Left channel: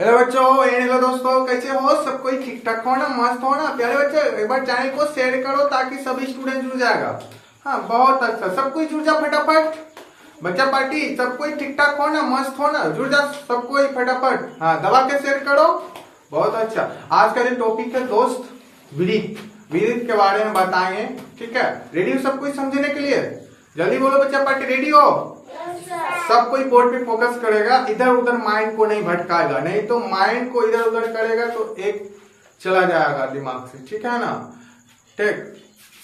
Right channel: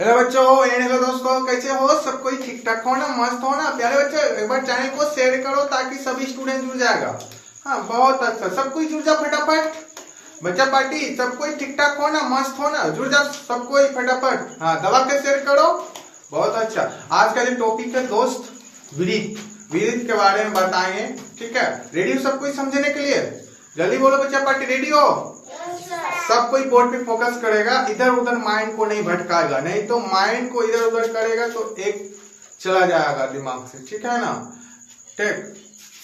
Hello बच्चों, hello दोस्तों, कैसे हो? सब कोई ठीक ठाक हो ना? मस्त हो ना? प्यारे बच्चे, एक बार चैनल को शेयर करो ताकि सभी स्टूडेंट जुड़ जाएगा। हाँ, बहुत अच्छा, सब कोई जुड़ जा फटाफट। बच्चा पार्टी सब कोई ठीक ठाक हो ना? मस्त हो ना? जुड़ जा सब कोई फटाफट। हाँ, दबा के शेयर करो। बहुत अच्छा। आज का जो टॉपिक है दोस्त, विरित विरित के बारे में बताएंगे। ठीक है, रेडी हो सब कोई समझने के लिए? जल्दी बोलो बच्चा पार्टी, रेडी हो? सब कोई बोर्ड पे फोकस करेगा, इधर उधर माइंड को नहीं भटकाएगा, नहीं तो माइंड को इधर उधर करेगा तो एक चला जाएगा दिमाग से। ठीक है ना? ठीक,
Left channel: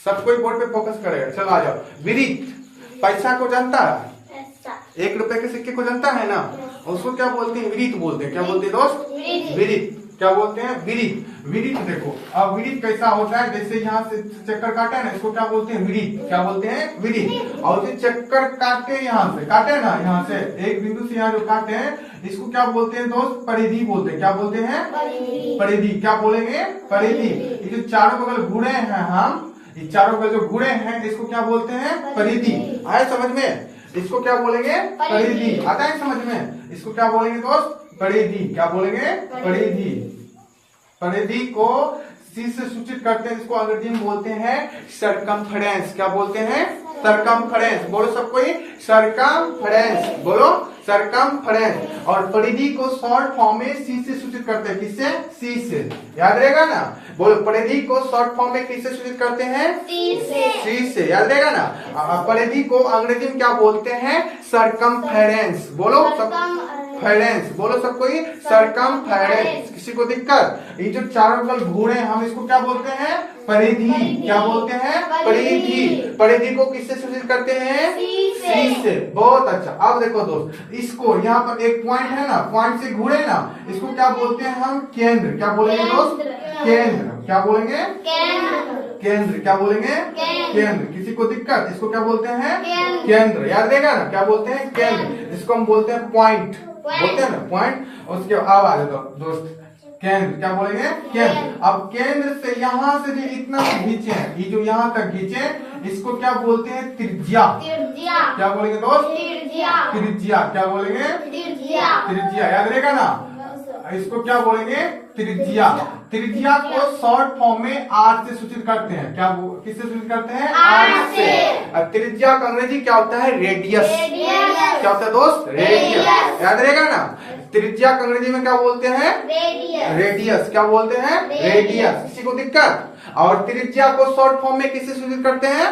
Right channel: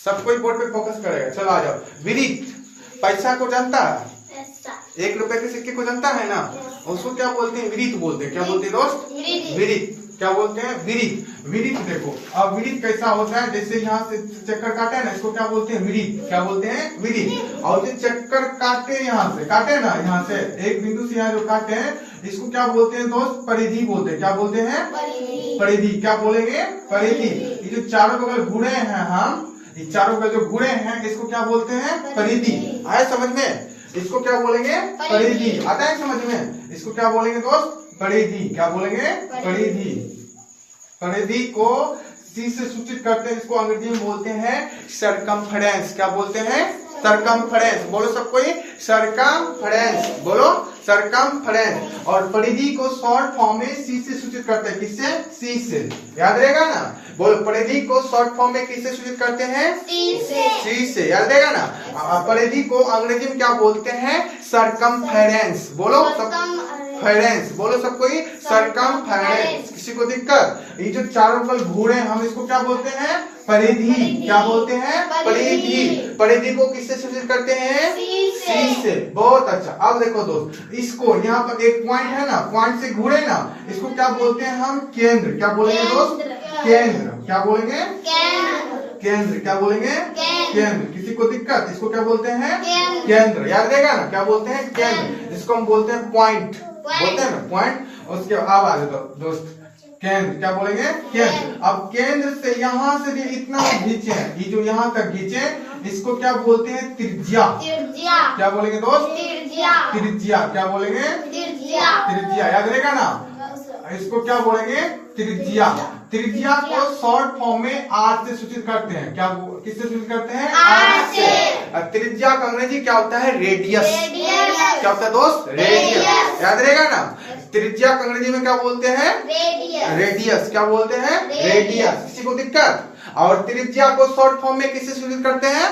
सब कोई बोर्ड पे फोकस करेगा। चलो आ जाओ। विरित पैसा को जानता है? 1 रुपए के सिक्के को जानता है ना? उसको क्या बोलते हैं? विरित बोलते हैं। क्या बोलते हैं दोस्त? विरित। क्या बोलते हैं? विरित। विरित देखो, अब विरित कैसा होता है, जैसे यहाँ से चक्कर काटे ना, इसको क्या बोलते हैं? विरित। क्या बोलते हैं? विरित। और जो चक्कर काटे, यहाँ से काटे ना, यहाँ से एक बिंदु से यहाँ जो काटे हैं, इसको क्या बोलते हैं दोस्त? परिधि बोलते हैं। क्या बोलते हैं? परिधि। क्या बोलेंगे? परिधि। ये जो चारों बगल घूरे हैं हम, ये चारों बगल जो घूरे हैं, इसको क्या बोलते हैं? परिधि। आए समझ में? इसको क्या बोलेंगे? परिधि। आता है समझ में? इसको क्या बोलेंगे दोस्त? परिधि। क्या बोलेंगे? परिधि। परिधि को सी से सूचित करते हैं, इसको अंग्रेजी में बोलते हैं सरकमफेरेंस। क्या बोलते हैं? सरकमफेरेंस। बोलो सब कोई, सरकमफेरेंस। बोलो, सरकमफेरेंस। और परिधि को शॉर्ट फॉर्म में सी से सूचित करते हैं। किससे? सी से। याद रहेगा ना? बोलो, परिधि को शॉर्ट फॉर्म में किससे सूचित करते हैं? सी से। याद रहेगा ना? परिधि को अंग्रेजी में क्या बोलते हैं? सरकमफेरेंस। बोलो फेरेंस। बोलो सब कोई, सरकमफेरेंस। किसी को दिक्कत? ये जो चारों बगल घूरे, हम इसको क्या बोलते हैं? परिधि। क्या बोलते हैं? परिधि। परिधि को किससे सूचित करते हैं? सी से। बहुत अच्छा। अब देखो दोस्त, इसको यहाँ पर एक पॉइंट है ना, पॉइंट से घूरे ना, इसको क्या बोलते हैं हम? केंद्र। क्या बोलेंगे दोस्त? केंद्र। क्या बोलेंगे? केंद्र। क्या बोलेंगे? केंद्र। किसी को दिक्कत? इसको क्या बोलते हैं? केंद्र। याद रहेगा ना? क्या बोलते हैं? केंद्र। इसको हम बोलते हैं पॉइंट। बोलते हैं ना पॉइंट। उसके अब आ जाओ दोस्त, केंद्र। क्या बोलेंगे? केंद्र। अब केंद्र से यहाँ से भी इतना खींचे, ये जो यहाँ तक खींचे, इसको क्या बोलते हैं? त्रिज्या। क्या बोलेंगे दोस्त? त्रिज्या। क्या बोलेंगे? त्रिज्या। याद रहेगा ना? इसको क्या बोलेंगे? त्रिज्या। त्रिज्या को शॉर्ट फॉर्म में आर से सूचित करते हैं। क्या किससे सूचित करते हैं? आर से। और त्रिज्या का अंग्रेजी क्या होता है? रेडियस। क्या होता है दोस्त? रेडियस। याद रहेगा ना? त्रिज्या का अंग्रेजी में क्या बोलते हैं? रेडियस। क्या बोलते हैं? रेडियस। किसी को दिक्कत? और त्रिज्या को शॉर्ट फॉर्म में किससे सूचित करते हैं?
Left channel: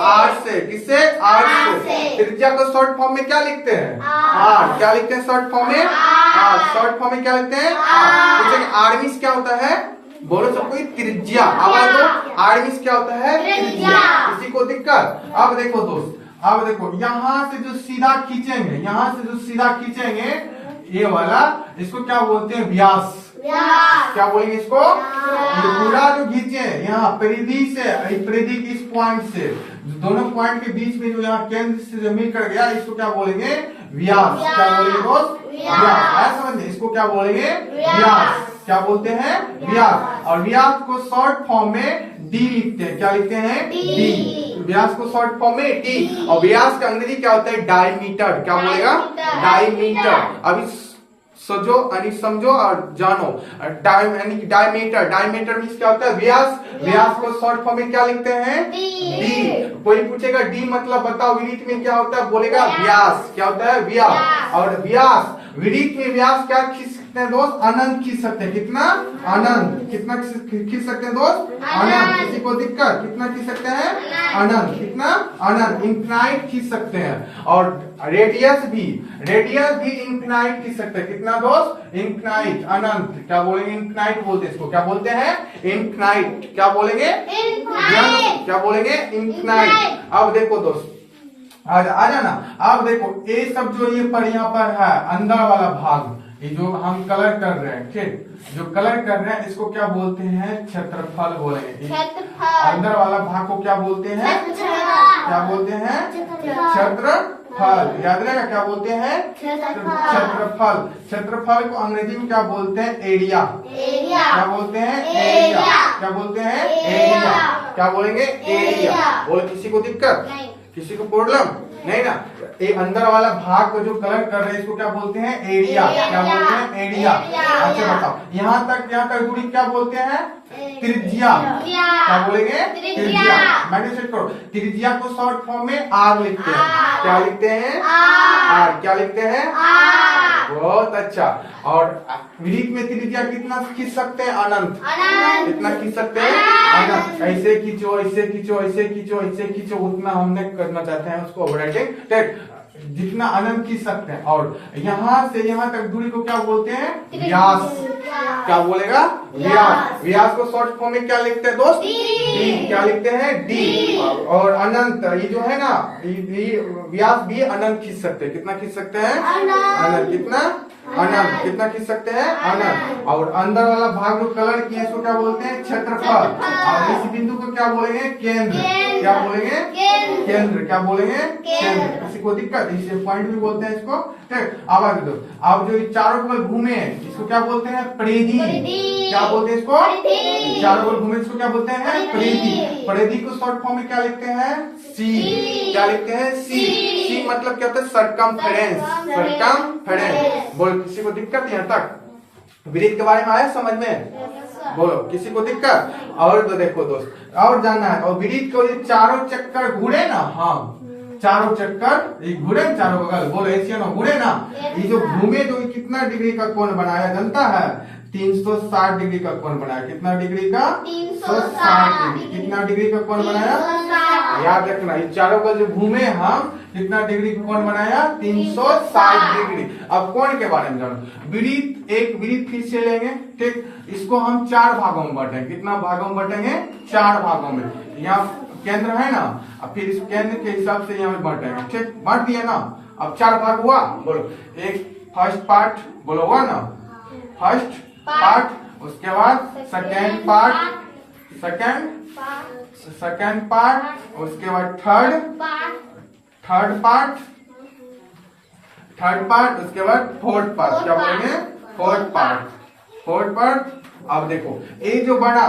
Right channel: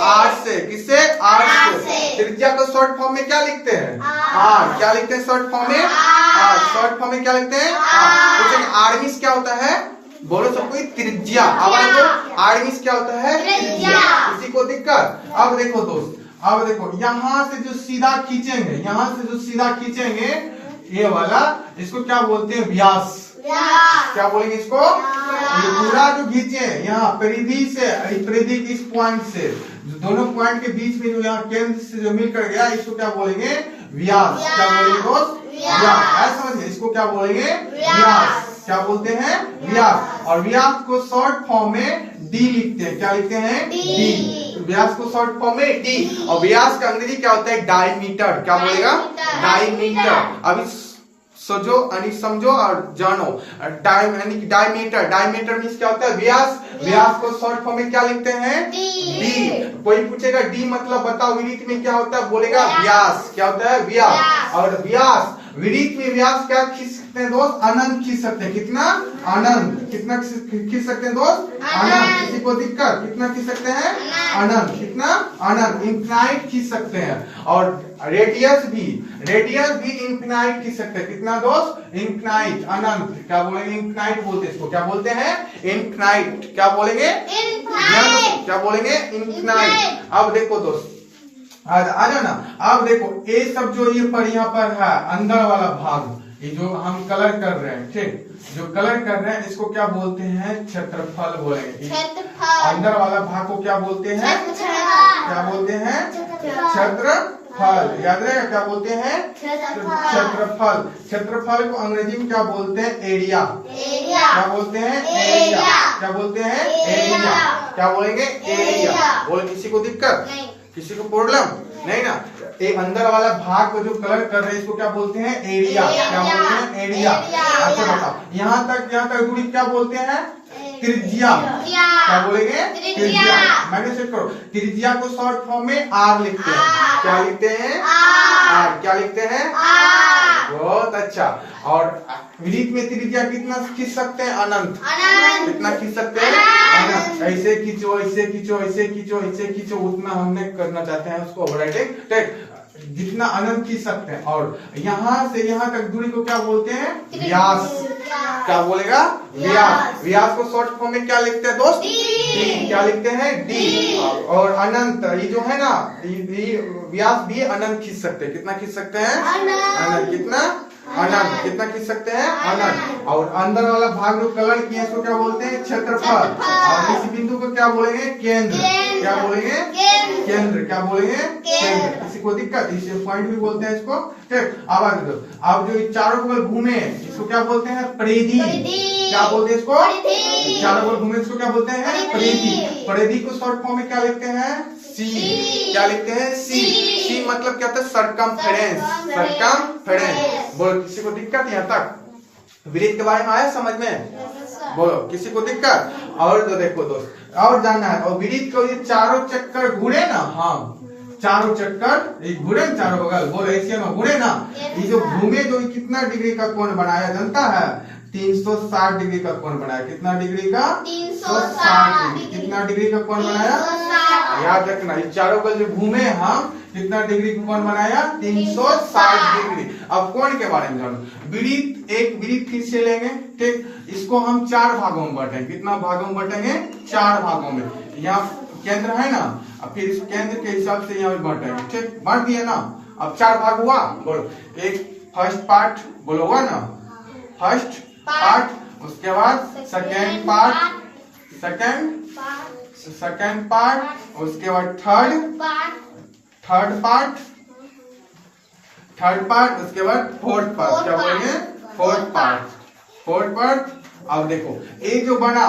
आर से। किससे? आर से। त्रिज्या को शॉर्ट फॉर्म में क्या लिखते हैं? आर। क्या लिखते हैं शॉर्ट फॉर्म में? आर। शॉर्ट फॉर्म में क्या लिखते हैं? आर। पूछेंगे आर्मिस क्या होता है? बोलो सब कोई, त्रिज्या। अब देखो, आर्मिस क्या होता है? त्रिज्या। किसी को दिक्कत? अब देखो दोस्त, अब देखो, यहाँ से जो सीधा खींचेंगे, यहाँ से जो सीधा खींचेंगे, ये वाला, इसको क्या बोलते हैं? व्यास। क्या बोलेंगे इसको? ये पूरा जो खींचे यहाँ परिधि से, परिधि की इस पॉइंट से, दोनों पॉइंट के बीच में जो यहाँ केंद्र से जो मिलकर गया, इसको क्या बोलेंगे? व्यास। क्या बोलेंगे दोस्त? व्यास। समझिए, इसको क्या बोलेंगे? व्यास। क्या बोलते हैं? व्यास। और व्यास को शॉर्ट फॉर्म में डी लिखते हैं। क्या लिखते हैं? डी। व्यास को शॉर्ट फॉर्म में डी। और व्यास का अंग्रेजी क्या होता है? डायमीटर। क्या बोलेगा? डायमीटर। अभी सोचो, समझो और जानो। डायमीटर। डायमीटर मीन्स क्या होता है? व्यास। व्यास को शॉर्ट फॉर्म में क्या लिखते हैं? डी। कोई पूछेगा डी मतलब बताओ विरित में क्या होता है? बोलेगा व्यास। क्या होता है? व्यास। और व्यास, विरित में व्यास क्या खींच सकते हैं दोस्त? अनंत खींच सकते हैं। कितना? अनंत। कितना खींच सकते हैं दोस्त? अनंत। किसी को दिक्कत? कितना खींच सकते हैं? अनंत। कितना? अनंत। इनफिनाइट खींच सकते हैं। और रेडियस भी इनफिनाइट खींच सकते हैं। कितना दोस्त? इनफिनाइट। अनंत। क्या बोलेंगे? इनफिनाइट बोलते हैं इसको। क्या बोलते हैं? इनफिनाइट। क्या बोलेंगे? क्या बोलेंगे? इनफिनाइट। अब देखो दोस्त, आ जाना। अब देखो, ये सब जो ये पर यहाँ पर है, अंदर वाला भाग, ये जो हम कलर कर रहे हैं, ठीक, जो कलर कर रहे हैं, इसको क्या बोलते हैं? क्षेत्रफल बोलेंगे। अंदर वाला भाग को क्या बोलते हैं? क्या बोलते हैं? क्षेत्रफल। याद रहेगा? क्या बोलते हैं? क्षेत्रफल। क्षेत्रफल को अंग्रेजी में क्या बोलते हैं? एरिया। क्या बोलते हैं? एरिया। क्या बोलते हैं? एरिया। क्या बोलेंगे? एरिया। बोले, किसी को दिक्कत? किसी को प्रॉब्लम? नहीं ना, ये अंदर वाला भाग को जो कलर कर रहे हैं इसको क्या बोलते हैं? एरिया। क्या बोलते हैं? एरिया। अच्छा बताओ, यहाँ तक दूरी क्या बोलते हैं? त्रिज्या। क्या बोलेंगे? त्रिज्या। मैंने चेक करो, त्रिज्या को शॉर्ट फॉर्म में आर लिखते हैं। क्या लिखते हैं? आर। क्या लिखते हैं? बहुत अच्छा। और वृत्त में त्रिज्या कितना खींच सकते हैं? अनंत। कितना खींच सकते हैं? अनंत। ऐसे खींचो, ऐसे खींचो, ऐसे खींचो, ऐसे खींचो, उतना हमने करना चाहते हैं उसको ऑपरेटिंग जितना अनंत खींच सकते हैं। और यहाँ से यहाँ तक दूरी को क्या बोलते हैं? व्यास। क्या बोलेगा? व्यास। व्यास को शॉर्ट फॉर्म में क्या लिखते हैं दोस्त? डी। क्या लिखते हैं? डी। और अनंत ये जो है ना, व्यास भी अनंत खींच सकते हैं। कितना खींच सकते हैं? अनंत। कितना? अनंत। कितना खींच सकते हैं? अनंत। और अंदर वाला भाग जो कलर किया इसको क्या बोलते हैं? क्षेत्रफल। और इस बिंदु को क्या बोलेंगे? केंद्र। क्या बोलेंगे? केंद्र। क्या बोलेंगे? केंद्र। किसी को दिक्कत? इसे पॉइंट भी बोलते हैं इसको। ठीक, अब आगे दो। अब जो चारों बगल घूमे इसको क्या बोलते हैं? परिधि। क्या बोलते हैं इसको? चारों बगल घूमे इसको क्या बोलते हैं? परिधि। परिधि को शॉर्ट फॉर्म में क्या लिखते हैं? सी। क्या लिखते हैं? सी। सी मतलब क्या होता है? सरकमफेरेंस। सरकमफेरेंस। बोलो, किसी को दिक्कत यहाँ तक? वृत्त के बारे में आया समझ में? बोलो, किसी को दिक्कत? और तो देखो दोस्त, और जानना है। और वृत्त को ये चारों चक्कर घूरे ना, हाँ चारों चक्कर घूरे चारों बगल, बोलो ऐसे ना घूरे ना, ये जो घूमे तो ये कितना डिग्री का कोण बनाया जानता है? 360 डिग्री का कोण बनाया। कितना डिग्री का? 360 डिग्री। कितना डिग्री का कोण बनाया? याद रखना, ये चारों बगल जो घूमे हम कितना डिग्री का कोण बनाया? 360 डिग्री। अब कोण के बारे में जानो। वृत्त, एक वृत्त फिर से लेंगे, ठीक, इसको हम 4 भागों में बांटेंगे। कितना भागों में बांटेंगे? 4 भागों में। यहाँ केंद्र है ना, अब फिर इस केंद्र के हिसाब से यहाँ बांटेंगे। ठीक, बांट दिया ना। अब 4 भाग हुआ। बोलो, एक फर्स्ट पार्ट बोलो हुआ ना, फर्स्ट पार्ट, उसके बाद सेकेंड पार्ट, सेकेंड पार्ट, उसके बाद थर्ड पार्ट, उसके बाद फोर्थ पार्ट। क्या बोलेंगे? Fourth part. अब देखो ये जो बना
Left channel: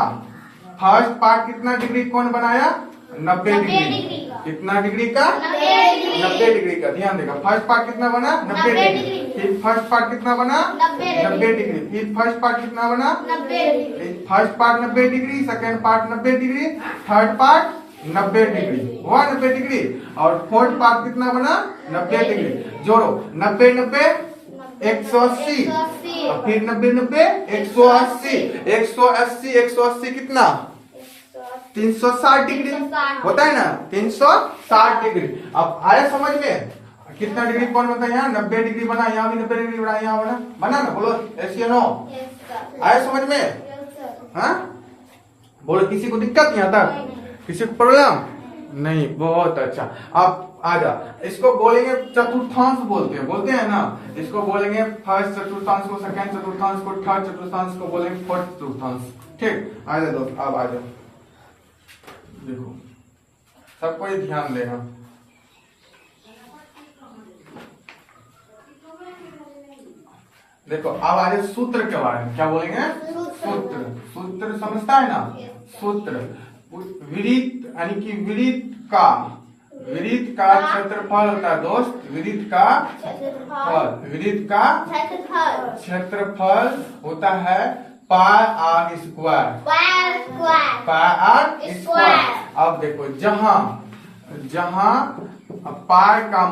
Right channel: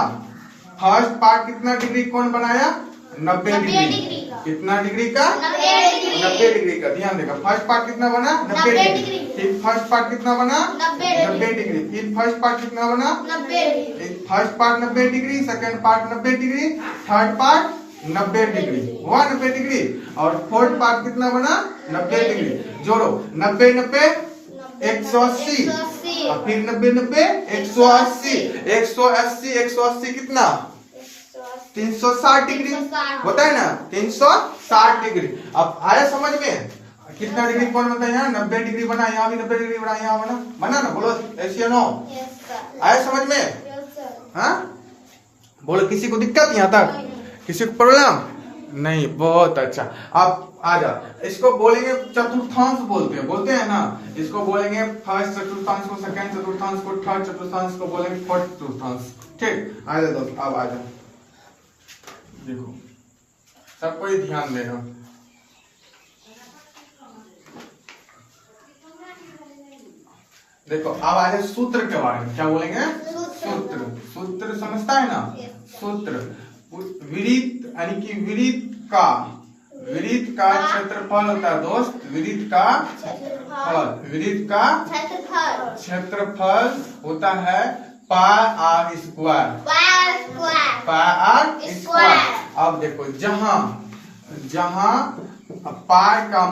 फर्स्ट पार्ट कितना डिग्री कोण बनाया? 90 डिग्री। कितना डिग्री का? 90 डिग्री का। ध्यान देगा, फर्स्ट पार्ट कितना बना? 90 डिग्री। फिर फर्स्ट पार्ट कितना बना? 90 डिग्री। फिर फर्स्ट पार्ट कितना बना? 90 degree. First part 90 degree, second part 90 degree, third part 90 degree हुआ 90 डिग्री। और फोर्थ पार्ट कितना बना? 90 डिग्री। जोड़ो 90 90 180, और फिर 90 90 180, 180 कितना? 360 डिग्री होता है ना, 360 डिग्री। अब आया समझ में? कितना डिग्री कौन बनता है? यहाँ 90 डिग्री बना, यहाँ भी 90 डिग्री बना, यहाँ बना ना। बोलो ऐसे नो, आया समझ में? हाँ बोलो, किसी को दिक्कत यहाँ तक? किसी को प्रॉब्लम नहीं? बहुत अच्छा। अब आजा, इसको बोलेंगे चतुर्थांश बोलते हैं ना। इसको बोलेंगे फर्स्ट चतुर्थांश को, सेकंड चतुर्थांश को, थर्ड चतुर्थांश को बोलेंगे फोर्थ चतुर्थांश। ठीक, आजा दोस्त, अब आजा देखो, सबको ध्यान देना। देखो अब आ जाए सूत्र के बारे में। क्या बोलेंगे? सूत्र समझता है ना? सूत्र वृत्त, यानी कि वृत्त का क्षेत्रफल होता है दोस्त। वृत्त का क्षेत्रफल होता है पाई आर स्क्वायर। अब देखो, जहां पाई का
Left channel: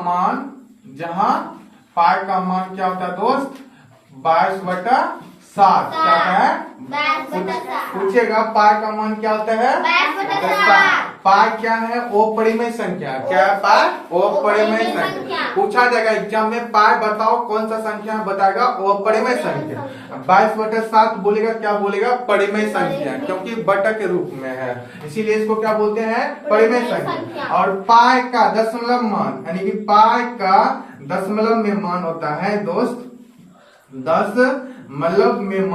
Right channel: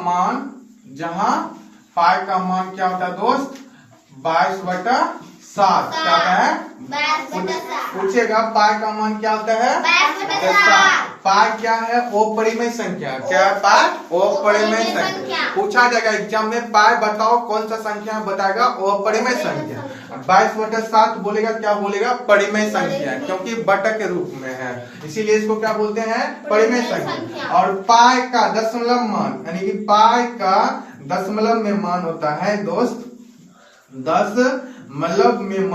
मान क्या होता है दोस्त? 22/7। क्या होता है? पूछेगा पाई का मान क्या होता है? 22/7। पाई क्या है? अपरिमेय संख्या। क्या है पाई? अपरिमेय संख्या। पूछा जाएगा एग्जाम में, पाई बताओ कौन सा संख्या बताएगा? अपरिमेय संख्या। 22/7 बोलेगा, क्या बोलेगा? परिमेय संख्या, क्योंकि बटा के रूप में है, इसीलिए इसको क्या बोलते हैं? परिमेय संख्या। और पाई का दशमलव मान, यानी कि पाई का दशमलव में मान होता है दोस्त, दशमलव में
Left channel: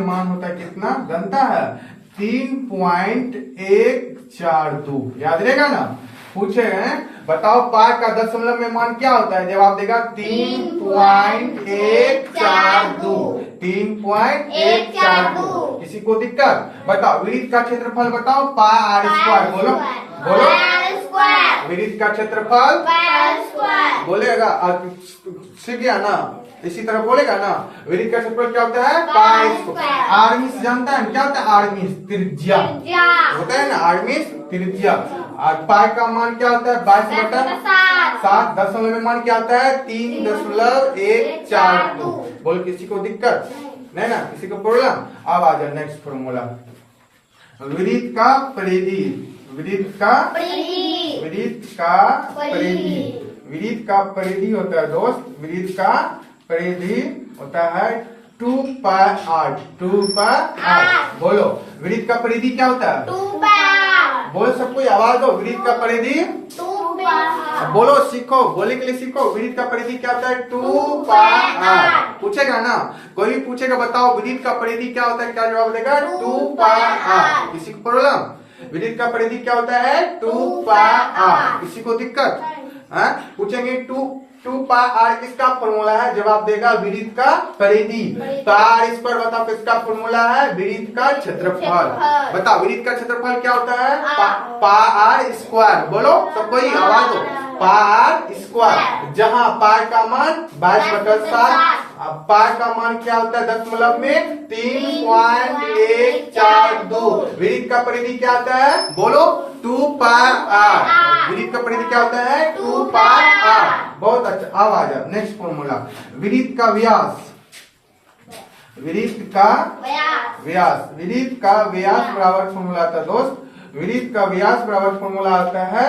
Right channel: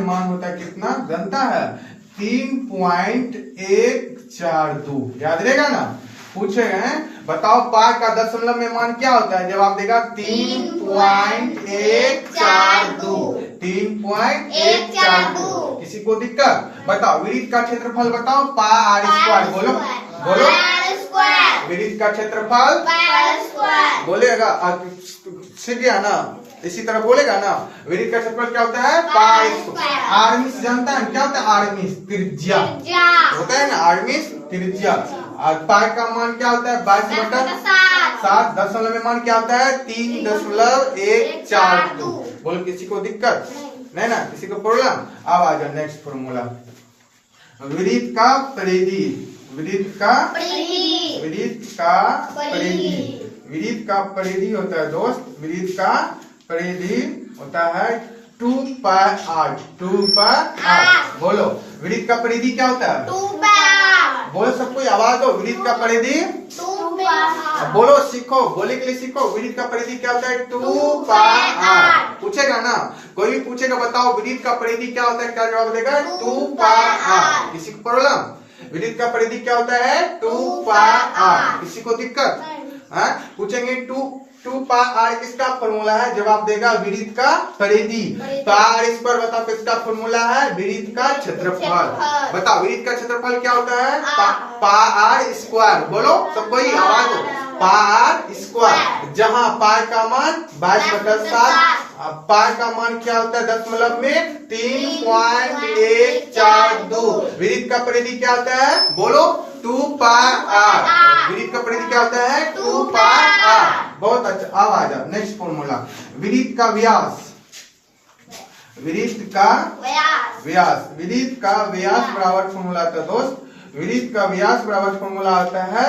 मान होता है कितना? जानता है? 3.142। याद रहेगा ना? पूछेगा बताओ पाई का दशमलव में मान क्या होता है? जवाब देगा 3.142। 3.142। किसी को दिक्कत? बताओ वृत्त का क्षेत्रफल बताओ। पाई आर स्क्वायर। बोलो स्क्वायर। विड्थ का क्षेत्रफल पाई आर स्क्वायर। बोलेगा, सीख गया ना, इसी तरह बोलेगा ना। विड्थ का क्षेत्रफल क्या होता है? Pi square. आर्मिस जानता है क्या होता है? आर्मिस त्रिज्या होता है ना, आर्मिस त्रिज्या। और पाई का मान क्या होता है? 22/7। दशमलव में मान क्या होता है? 3.142। बोल किसी को दिक्कत नहीं ना, किसी को प्रॉब्लम? अब आ जाए नेक्स्ट फॉर्मूला। विड्थ का परिधि, विड्थ का परिधि, विड्थ का परिधि होता है दोस्त, विड्थ का परिधि होता है 2 पाई आर। 2 pi R. बोलो विड्थ का परिधि क्या होता है? 2 पाई आर। बोलो सबको आवाज दो, विड्थ का परिधि 2 पाई आर। बोलो, सीखो, बोलने के लिए सीखो। विड्थ का परिधि क्या होता है? 2 पाई आर। पूछेगा ना, कोई भी पूछेगा बताओ विड्थ का परिधि क्या होता है, क्या जवाब देगा? 2 पाई आर। किसी को प्रॉब्लम? विड्थ का परिधि क्या होता है? 2 पाई आर। किसी को दिक्कत? पूछेंगे 2 पाई आर किसका फॉर्मूला है? जवाब देगा विड्थ का परिधि। पाई स्क्वायर बताओ किसका फॉर्मूला है? विड्थ का क्षेत्रफल। बताओ विड्थ का क्षेत्रफल क्या होता है? Pi r square. बोलो सब कोई आवाज दो, पाई आर स्क्वायर। जहां पाई का मान 22/7, पाई का मान क्या होता है दशमलव में? 3.142। विड्थ का परिधि क्या होता है? बोलो 2 पाई आर। विड्थ का परिधि क्या होता है? 2 पाई आर। बहुत अच्छा। अब आ जाओ नेक्स्ट फॉर्मूला। विड्थ का व्यास, विड्थ का व्यास, विड्थ का व्यास बराबर फॉर्मूला आता है दोस्त। विड्थ का व्यास बराबर फॉर्मूला आता है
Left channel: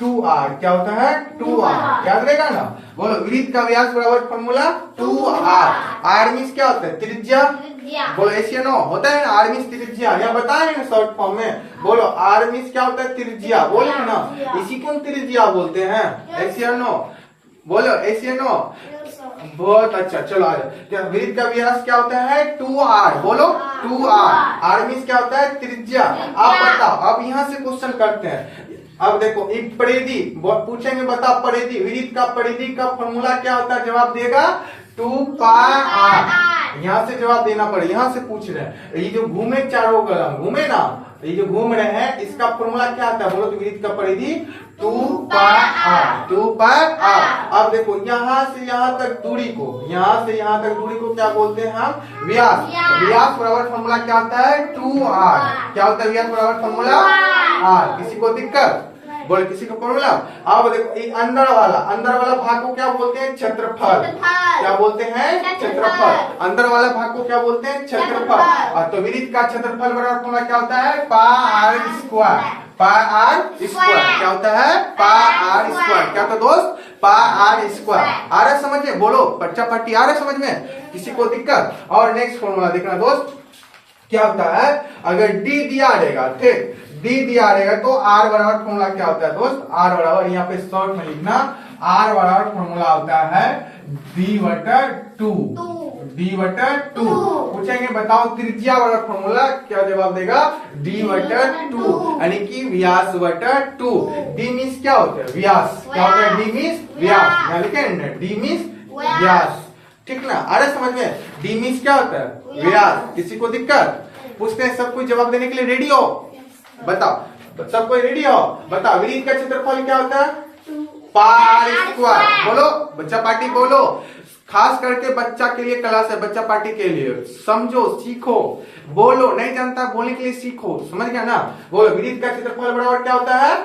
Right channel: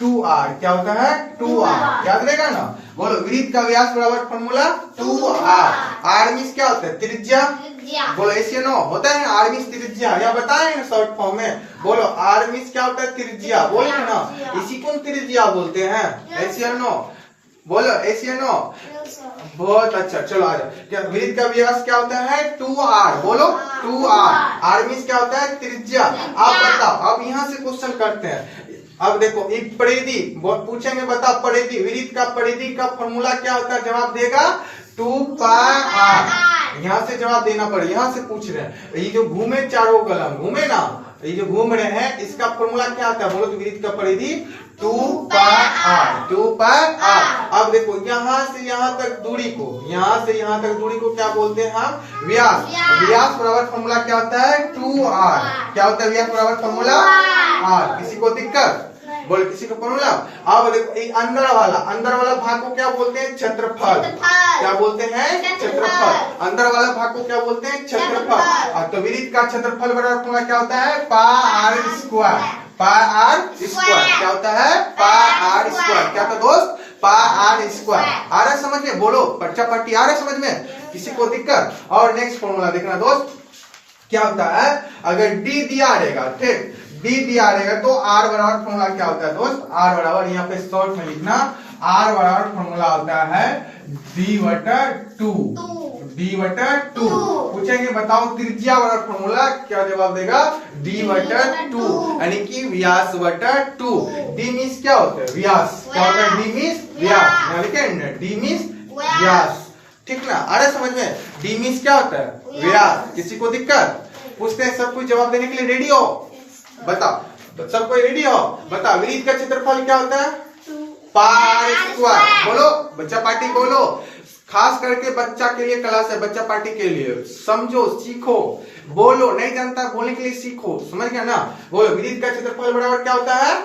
2r। क्या होता है? 2r। याद रहेगा ना। बोलो विड्थ का व्यास बराबर फॉर्मूला 2r। आर्मिस क्या होता है? त्रिज्या। बोलो एशियन होता है ना आर्मिस त्रिज्या, यह बताए ना शॉर्ट फॉर्म में। बोलो आर्मिस क्या होता है? त्रिज्या। बोलो ना, इसी को त्रिज्या बोलते हैं। एशियन बोलो, एशियन। बहुत अच्छा, चलो आ जाओ। विड्थ का व्यास क्या होता है? 2r। बोलो 2r। आर्मिस क्या होता है? त्रिज्या। आप बताओ, अब यहाँ से क्वेश्चन करते हैं। अब देखो परिधि पूछेंगे, बताओ परिधि, विड्थ का परिधि का फॉर्मूला क्या होता है? जवाब देगा 2 पाई आर। यहाँ से जवाब देना पड़ेगा, यहाँ से पूछ रहे हैं। ये जो घूमे चारों कलम घूमे ना, ये जो घूम रहे हैं, इसका फॉर्मूला क्या आता है? बोलो तो विड्थ का परिधि 2 पाई आर। 2 pi are. अब देखो यहाँ से यहाँ तक दूरी को, यहाँ से यहाँ तक दूरी को क्या बोलते हैं हम? व्यास। व्यास बराबर फॉर्मूला क्या होता है? 2r। क्या होता है व्यास बराबर फॉर्मूला? r। किसी को दिक्कत? बोले किसी को फॉर्मूला? अब देखो अंदर वाला भाग को क्या बोलते हैं? क्षेत्रफल। क्या बोलते हैं? क्षेत्रफल। अंदर वाला भाग को क्या बोलते हैं? क्षेत्रफल। तो विड्थ का क्षेत्रफल बराबर फॉर्मूला क्या होता है? Pi r square. Pi r square क्या होता है? Pi r square. क्या था दोस्त? पाई आर स्क्वायर। आ रहा समझ में? बोलो बच्चा पार्टी आ रहा समझ में? किसी को दिक्कत? और नेक्स्ट फॉर्मूला देखना दोस्त, क्या होता है? अगर डी दिया रहेगा, ठीक, डी दिया रहेगा तो आर बराबर फॉर्मूला क्या होता है दोस्त? आर बराबर, यहाँ पे शॉर्ट में लिखना, आर बराबर फॉर्मूला होता है d/2। d/2 पूछेंगे बताओ त्रिज्या बराबर फॉर्मूला, क्या जवाब देगा? d/2 यानी कि व्यास बटा 2। डी मीन्स क्या होता है? व्यास। क्या होता है? डी मीन्स व्यास। यहाँ लिखे डी मीन्स व्यास, ठीक ना? अरे समझ में? डी मीन्स क्या होता है? व्यास। किसी को दिक्कत? पूछते हैं, सब कोई जवाब देने के लिए रेडी हो? बताओ सब कोई रेडी हो? बताओ विड्थ का क्षेत्रफल क्या होता है? Pi r square. बोलो बच्चा पार्टी बोलो, खास करके बच्चा के लिए क्लास है, बच्चा पार्टी के लिए। समझो, सीखो, बोलो, नहीं जानता बोलने के लिए सीखो, समझ गया ना? बोलो विड्थ का क्षेत्रफल बराबर क्या होता है?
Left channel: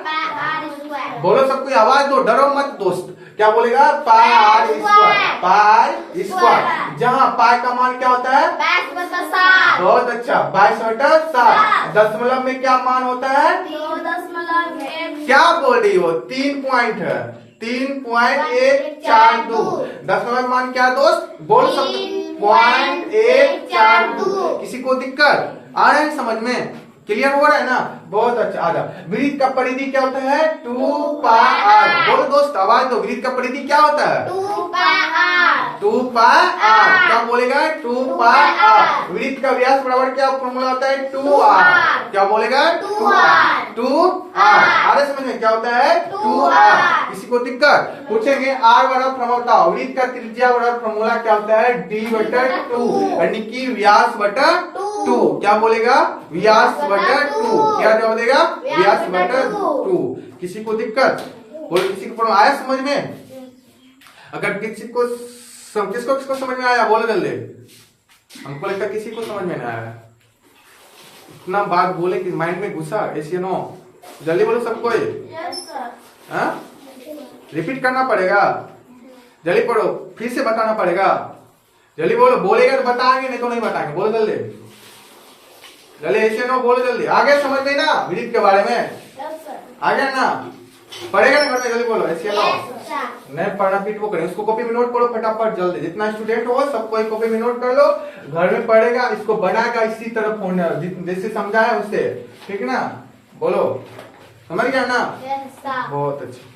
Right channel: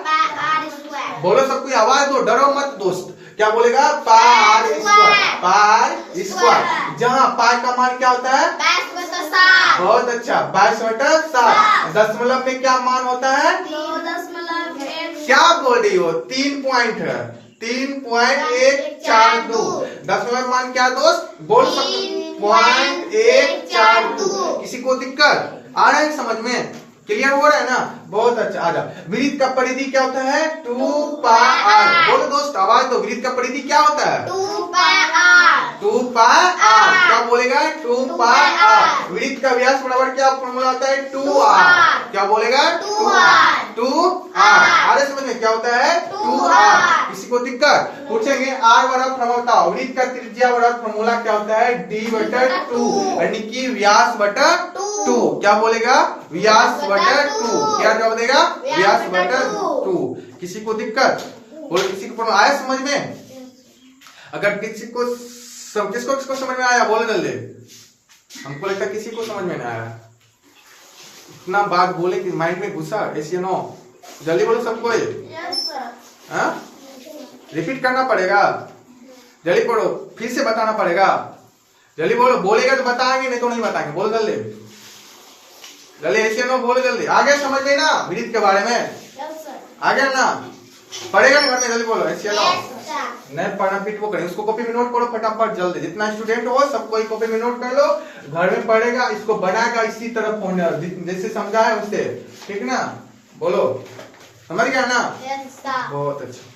बोलो सब कोई आवाज दो, डरो मत दोस्त। क्या बोलेगा? पाई आर स्क्वायर। Pi square. जहाँ पाई का मान क्या होता है? 22/7। बहुत अच्छा, 22/7। दशमलव में क्या मान होता है? 2.1। क्या बोल रही हो? 3 पॉइंट है, 3.142। दशमलव मान क्या दोस्त? बोल सकते 0.142। किसी को दिक्कत आ रहा है समझ में? क्लियर हो रहा है ना? बहुत अच्छा। आ जाओ, विड्थ का परिधि क्या होता है? 2 पाई आर। बोलो दोस्त आवाज दो, विड्थ का परिधि क्या होता है? 2 पाई आर। 2 पाई r। क्या बोलेगा 2 पाई r। वृत्त का व्यास बराबर क्या फॉर्मूला होता है 2r। क्या बोलेगा 2r। 2r। आगे समझ में क्या होता है 2r। किसी को दिक्कत पूछेंगे r बराबर फॉर्मूला बताओ। वृत्त का त्रिज्या बराबर फॉर्मूला क्या होता है d/2 यानी कि व्यास बटा 2। क्या बोलेगा व्यास बटा 2। क्या बोलेगा व्यास बटा 2। किसी को दिक्कत बोल किसी को आया समझ में? अगर किसको समझ में आया बोले जल्दी। हमको लगता है किसी को समझ में नहीं आया। इतना बात बोले कि माइंड में घुसा ऐसे नो। जल्दी बोलो सबको। Yes sir. हाँ रिपीट करना पड़ेगा। जल्दी पढ़ो फिर से बताना पड़ेगा। जल्दी बोलो बोलेगा तो बताएंगे नहीं तो नहीं बताएंगे। बोलो जल्दी जल्दी ऐसे नो बोलो जल्दी। आगे समझ में ना वृत्त के बारे में यस सर। आ गया ना पढ़ेगा ना घर में। जल्दी बोलो ऐसे नो यस नहीं पढ़ना पीठ वो करें। उसको कॉपी में नोट करो फटाफट जल्दी। जितना स्टूडेंट हो सबको कॉपी में नोट कर लो। घर में पढ़ेगा इसको बनाएगा इसी तरह फोन जैसे समझा है उससे। ठीक ना बोलो समझ गया ना सर। बहुत अच्छा।